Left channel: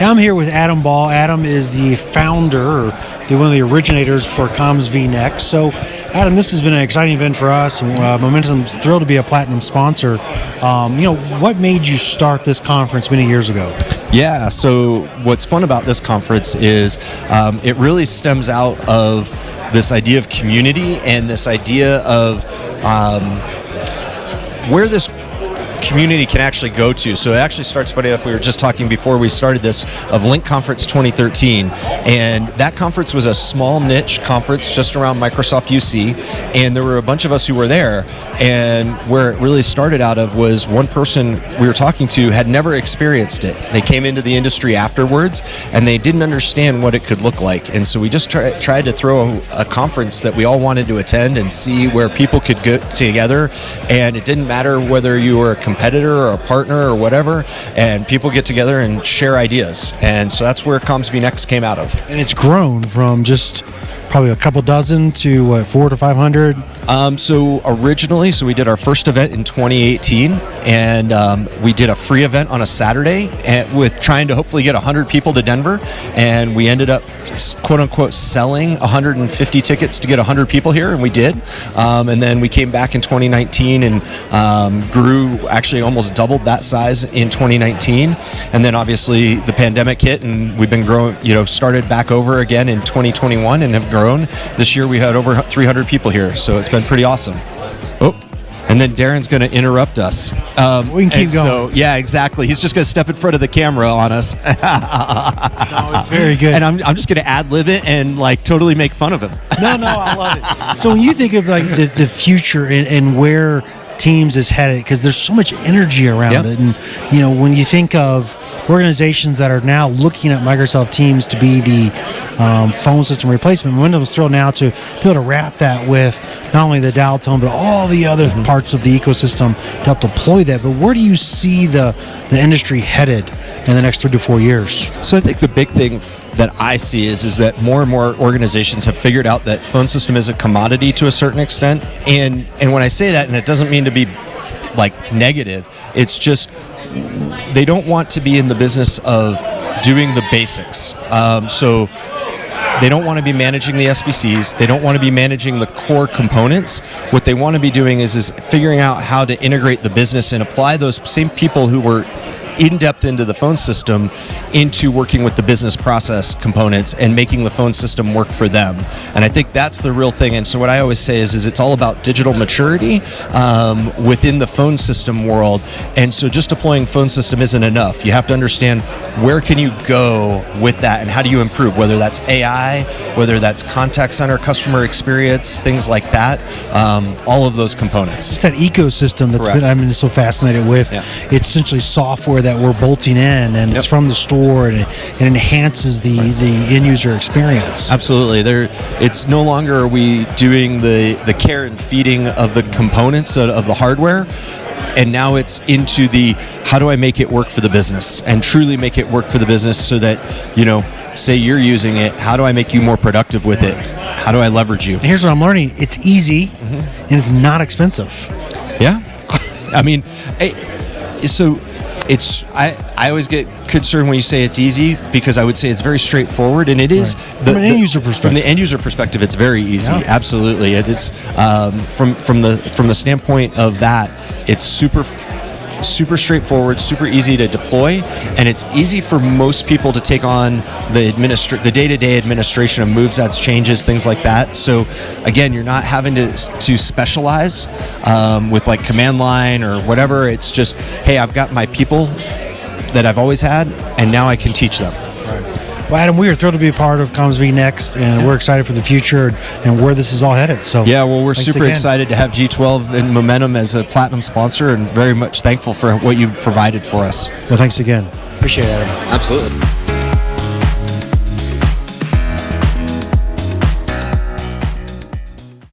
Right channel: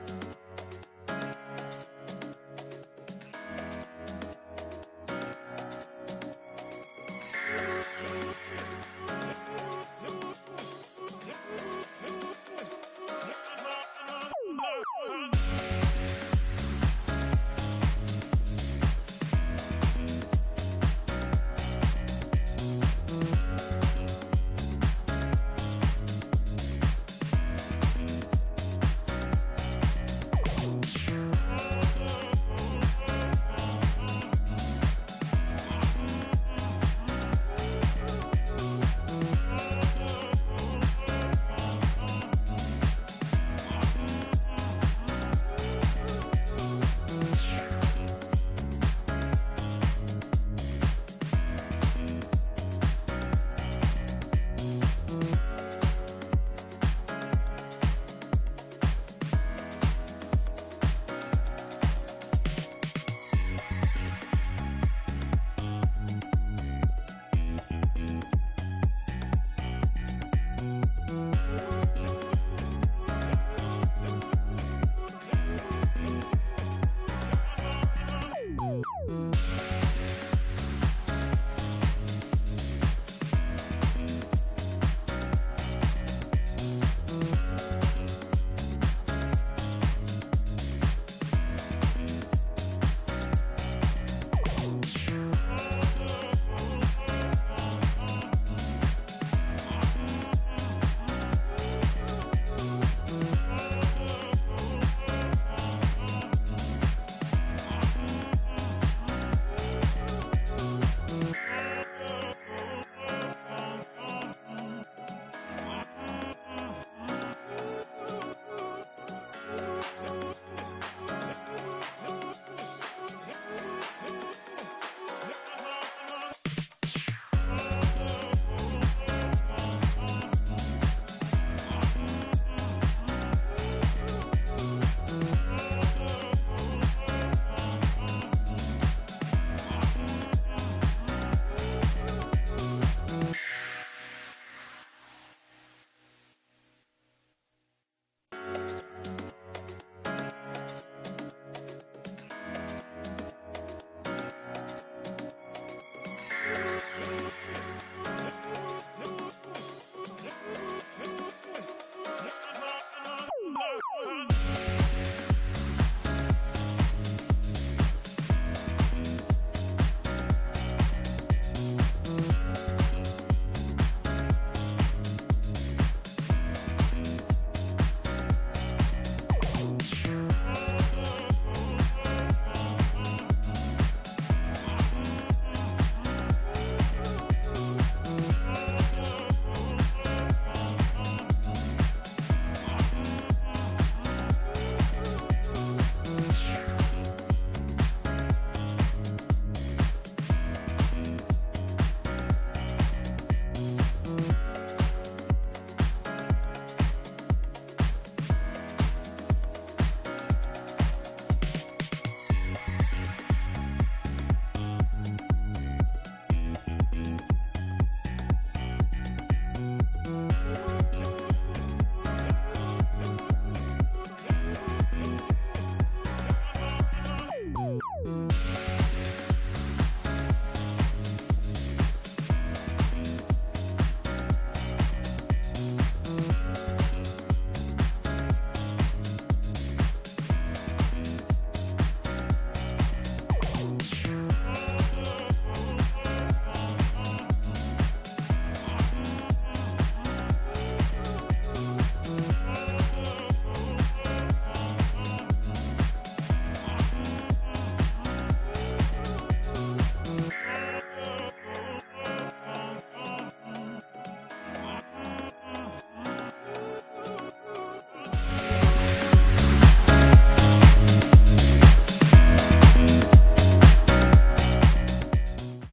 I'm here with Adam Ball. Adam is the founder, or one of the originators for Comms vNext. So, Adam, this has been an exciting event for us. Momentum's thrilled to be a platinum sponsor. What made you start this conference many years ago? Yeah, so what's fun about this conference is it really stems out of this idea of community and this idea of where this community can actually go to. So it actually starts, funny enough, we were just talking before we started this, of Link Conference 2013, and that conference was a small niche conference just around Microsoft UC, and there were a bunch of us who were there, and where it really started out of was one person we were talking to had never experienced it. They came into the industry afterwards, and they didn't understand what it could look like, and so we just tried to throw a conference that we all wanted to attend and see where people could get together, and it didn't matter whether you were a competitor or a partner or whatever, and people get together and share ideas. And so that's where Comms vNext came out of. And it's grown from just probably a couple dozen to what, 400 to 500? So originally, we did our first event in 2018, and we did a free event on a Saturday with trying to hopefully get 100 people to Denver, and we ended up quote unquote selling 150 tickets to get 100 people here, and we did. And then we came back in 2019 and grew, actually almost doubled that size in 2019. And then obviously the pandemic hit, and we've been growing, started back over again in 2021 and have grown. This year we had over 300 people here, so it's been pretty awesome. Oh, and then Darren's going to interrupt us. We can keep going. So, yeah, exactly. He's just going to step in front of the camera on us. It's very good. And I'm just going to ad-lib it and totally make fun of him. No, I love it. So when you think of the future and where Teams is headed, because there's so much energy around it, and when you think of organizations that are now looking at Microsoft Teams to be the phone system replacement, Windows thrilled now to be able to wrap that with not only the dial tone but all the other parts of the ecosystem to help deploy that. But where do you see the industry headed in the next 3 to 4 years? So I think the big thing that I see is that more and more organizations have figured out that phone system is a commodity to a certain extent. And when I say that, and it doesn't mean to be negative, it's just they don't want to be in the business of doing the basics. So they don't want to be managing the SBCs. They don't want to be managing the core components. What they want to be doing is figuring out how to integrate the business and apply those same people who were in-depth into the phone system into working with the business process components and making the phone system work for them. And I think that's the real thing. And so what I always say is it's all about digital maturity within the phone system world. And so just deploying phone system isn't enough. You have to understand where can you go with that and how do you improve, whether that's AI, whether that's contact center customer experience, things like that, all of those components. It's that ecosystem that's been so fascinated with. Yeah. It's essentially software that we're bolting in, and it's from the store, and it enhances the end user experience. Absolutely. It's no longer are we doing the care and feeding of the components of the hardware, and now it's into the how do I make it work for the business and truly make it work for the business so that, say you're using it, how do I make you more productive with it? How do I leverage you? And here's what I'm learning. It's easy and it's not expensive. Yeah. I mean, so I always get concerned when you say it's easy, because I would say it's very straightforward, and it is. From an end user perspective. From the end user perspective, it's very easy. Yeah. Absolutely. It's from the standpoint of that, it's super straightforward, super easy to deploy, and it's easy for most people to take on the day-to-day administration of moves, adds, changes, things like that. So again, you're not having to specialize with command line or whatever. It's just, hey, I've got my people that I've always had, and now I can teach them. Well, Adam, we are thrilled to be a part of Comms vNext, and we're excited for the future and where this is all headed. So yeah, well, we're super excited to have G12 and Momentum as a platinum sponsor, and very much thankful for what you've provided for us. Well, thanks again. Appreciate it, Adam. Absolutely.